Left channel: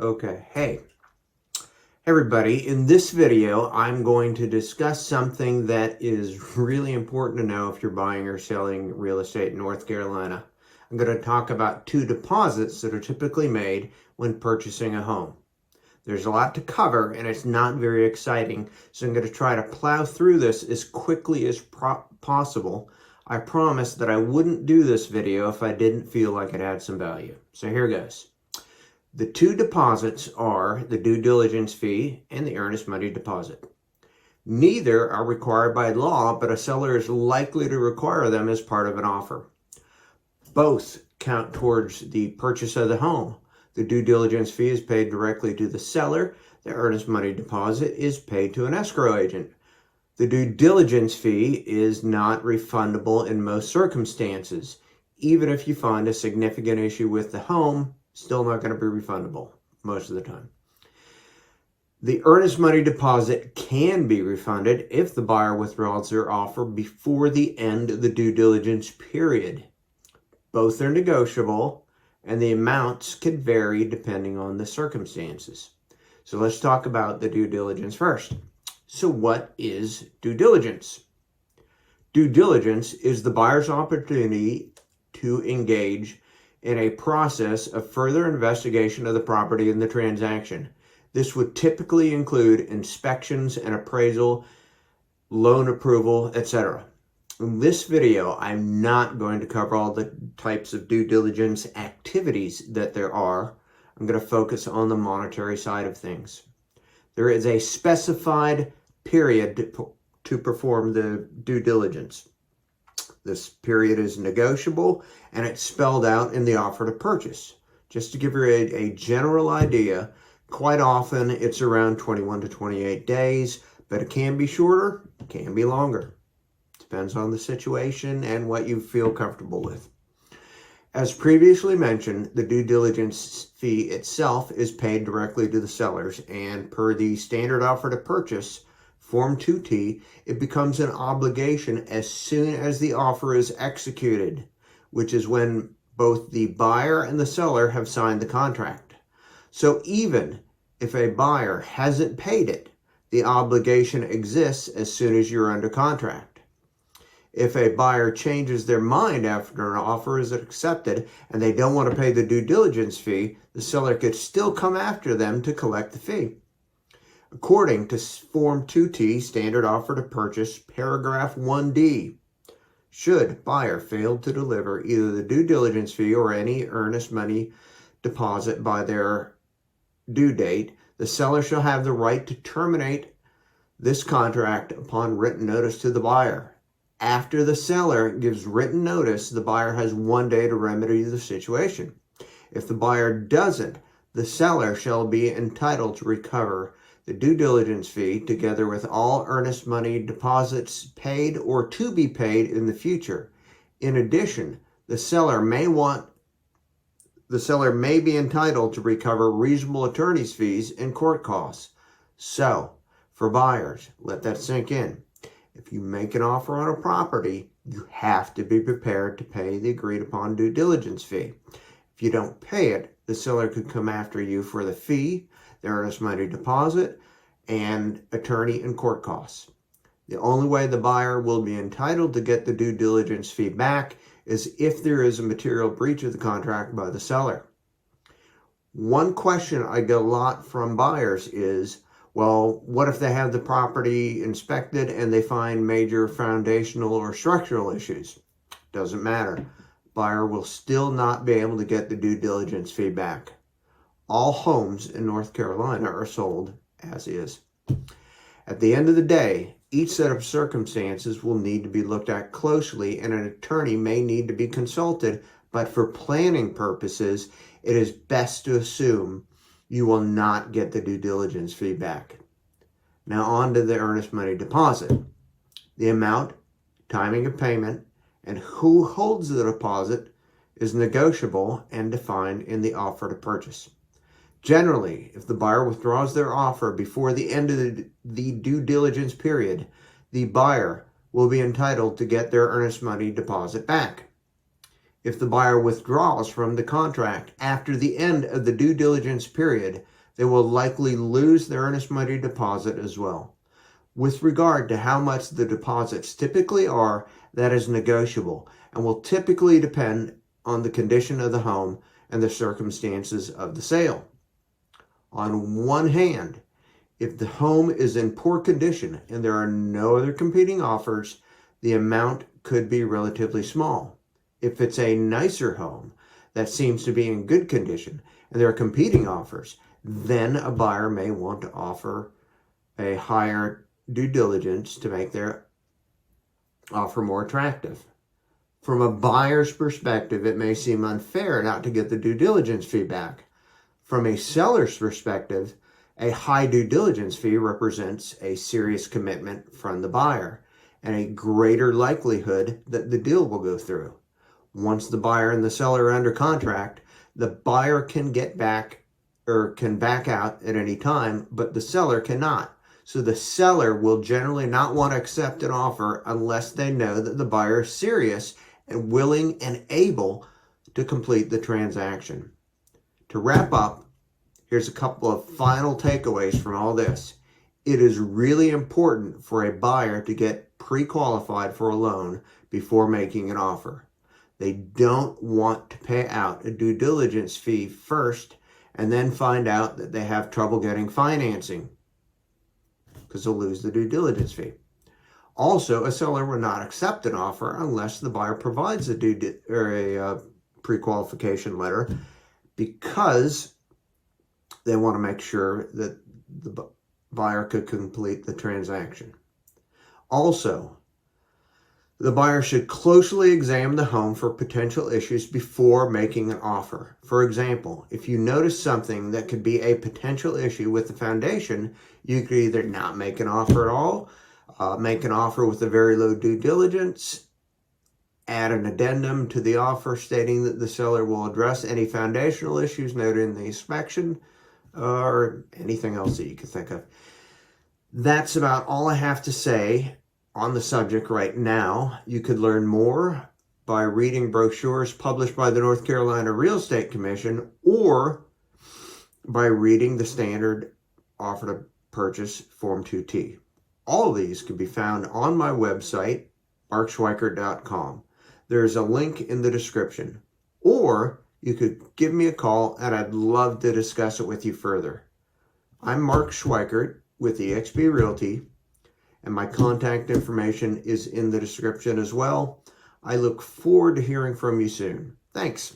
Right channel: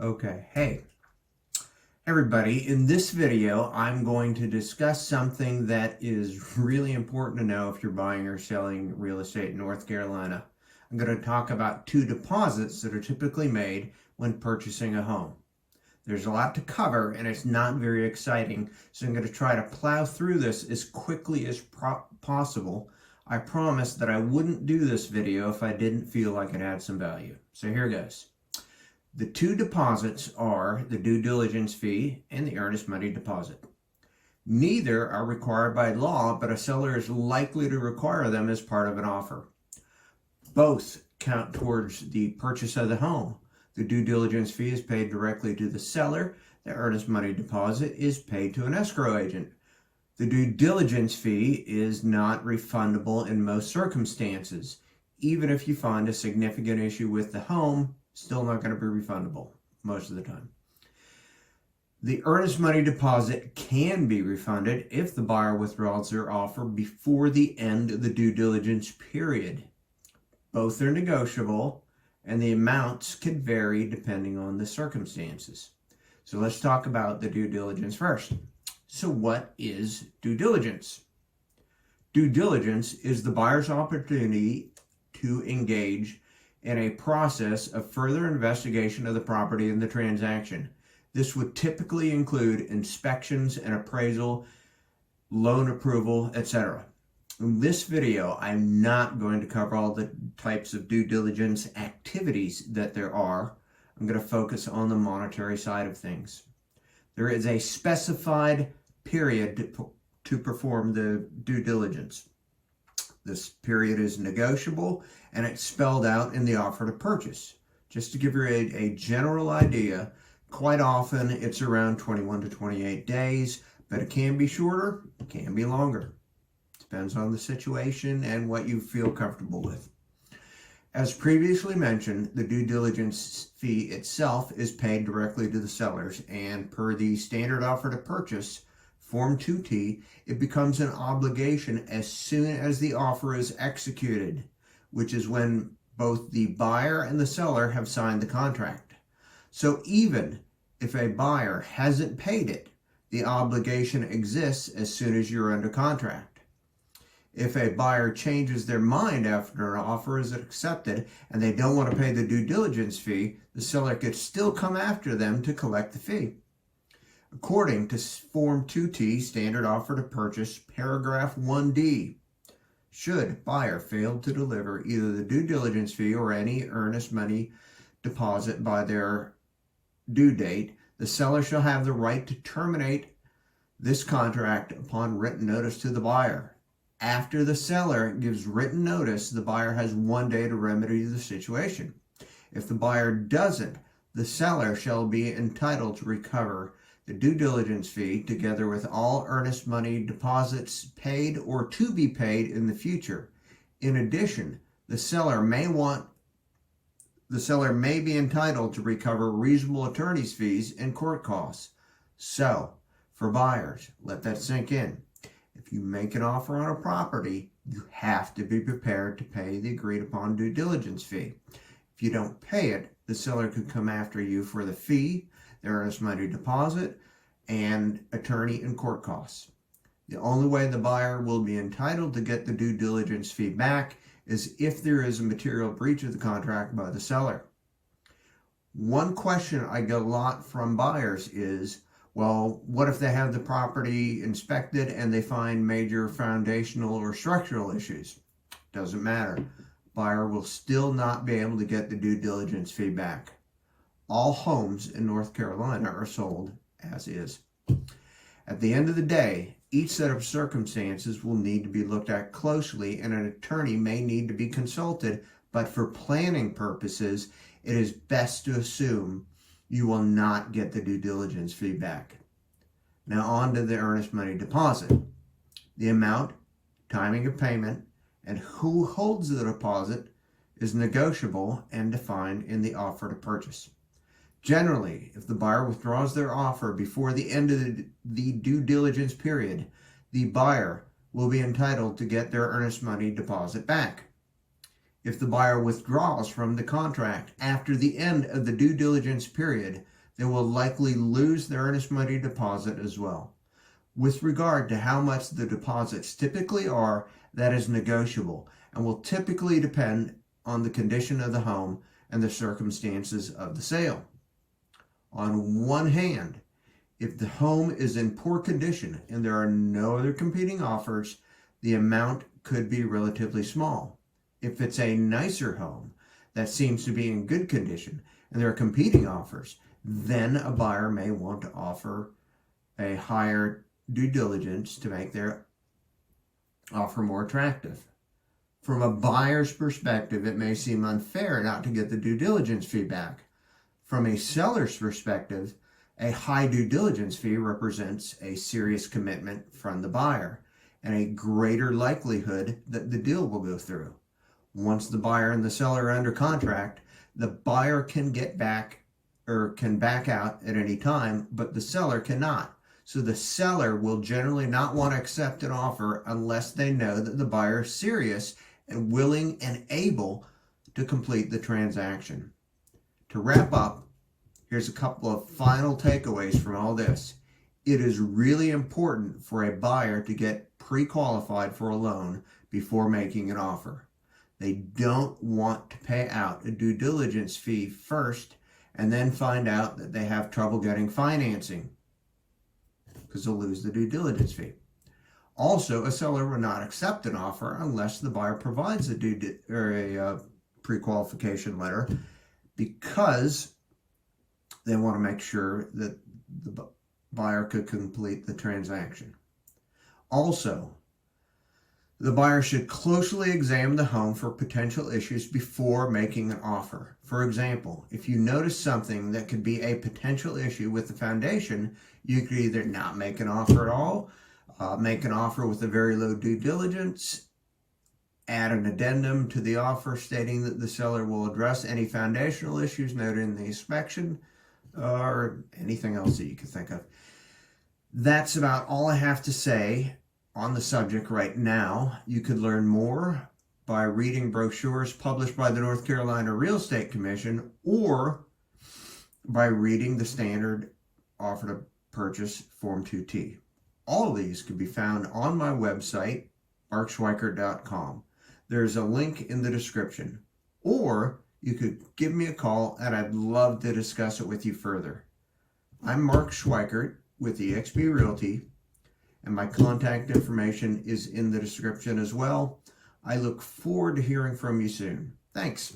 Hey everybody, in this video I'm going to discuss something that is really important to know if you're buying or selling real estate in North Carolina. I'm going to talk about two deposits that are typically made when purchasing a home. There's a lot to cover and it's not very exciting, so I'm going to try to plow through this as quickly as possible. I promised that I wouldn't do this video if I didn't feel like it had some value. So here goes. The two deposits are the due diligence fee and the earnest money deposit. Neither are required by law, but a seller is likely to require them as part of an offer. Both count towards the purchase of the home. The due diligence fee is paid directly to the seller. The earnest money deposit is paid to an escrow agent. The due diligence fee is not refundable in most circumstances. Even if you find a significant issue with the home, still not going to be refundable most of the time. The earnest money deposit can be refunded if the buyer withdraws their offer before the end of the due diligence period. Both are negotiable and the amounts can vary depending on the circumstances. So let's talk about the due diligence first. So what is due diligence? Due diligence is the buyer's opportunity to engage in a process of further investigation of the property and the transaction. This would typically include inspections and appraisal, loan approval, etc. In this video, I'm not going to cover all the types of due diligence activities that there are. I'm going to focus on the monetary side of things. There is a specified period to perform the due diligence. This period is negotiable and it's spelled out in the offer to purchase. Just to give you a general idea, quite often it's around 21 to 28 days, but it can be shorter, it can be longer. Depends on the situation and what you feel comfortable with. As previously mentioned, the due diligence fee itself is paid directly to the sellers, and per the standard offer to purchase, Form 2T, it becomes an obligation as soon as the offer is executed, which is when both the buyer and the seller have signed the contract. So even if a buyer hasn't paid it, the obligation exists as soon as you're under contract. If a buyer changes their mind after an offer is accepted and they don't want to pay the due diligence fee, the seller could still come after them to collect the fee. According to Form 2T, Standard Offer to Purchase, Paragraph 1D, should buyer fail to deliver either the due diligence fee or any earnest money deposit by their due date, the seller shall have the right to terminate this contract upon written notice to the buyer. After the seller gives written notice, the buyer has 1 day to remedy the situation. If the buyer doesn't, the seller shall be entitled to recover the due diligence fee together with all earnest money deposits paid or to be paid in the future. In addition, the seller may be entitled to recover reasonable attorney's fees and court costs. So, for buyers, let that sink in. If you make an offer on a property, you have to be prepared to pay the agreed upon due diligence fee. If you don't pay it, the seller could come after you for the fee, the earnest money deposit, and attorney and court costs. The only way the buyer will be entitled to get the due diligence fee back is if there is a material breach of the contract by the seller. One question I get a lot from buyers is, well, what if they have the property inspected and they find major foundational or structural issues? Doesn't matter. Buyer will still not be able to get the due diligence fee back. All homes in North Carolina are sold as is. At the end of the day, each set of circumstances will need to be looked at closely and an attorney may need to be consulted, but for planning purposes, it is best to assume you will not get the due diligence fee back. Now on to the earnest money deposit. The amount, timing of payment, and who holds the deposit is negotiable and defined in the offer to purchase. Generally, if the buyer withdraws their offer before the end of the due diligence period, the buyer will be entitled to get their earnest money deposit back. If the buyer withdraws from the contract after the end of the due diligence period, they will likely lose their earnest money deposit as well. With regard to how much the deposits typically are, that is negotiable and will typically depend on the condition of the home and the circumstances of the sale. On one hand, if the home is in poor condition and there are no other competing offers, the amount could be relatively small. If it's a nicer home that seems to be in good condition and there are competing offers, then a buyer may want to offer a higher due diligence to make their offer more attractive. From a buyer's perspective, it may seem unfair not to get the due diligence fee back. From a seller's perspective, a high due diligence fee represents a serious commitment from the buyer and a greater likelihood that the deal will go through. Once the buyer and the seller are under contract, the buyer can get back or can back out at any time, but the seller cannot. So the seller will generally not want to accept an offer unless they know that the buyer is serious and willing and able to complete the transaction. To wrap up, here's a couple of final takeaways from all this. It is really important for a buyer to get pre-qualified for a loan before making an offer. They don't want to pay out a due diligence fee first and then find out that they have trouble getting financing because they'll lose the due diligence fee. Also, a seller will not accept an offer unless the buyer provides a pre-qualification letter, because they want to make sure that the buyer could complete the transaction. Also, the buyer should closely examine the home for potential issues before making an offer. For example, if you notice something that could be a potential issue with the foundation, you could either not make an offer at all, make an offer with a very low due diligence, add an addendum to the offer stating that the seller will address any foundational issues noted in the inspection, or anything else that you can think of. That's about all I have to say on the subject right now. You could learn more by reading brochures published by the North Carolina Real Estate Commission, or by reading the standard offer to purchase Form 2T. All of these can be found on my website, markschweikert.com. There's a link in the description, or you could give me a call and I'd love to discuss it with you further. I'm Mark Schweikert with eXp Realty, and my contact information is in the description as well. I look forward to hearing from you soon. Thanks.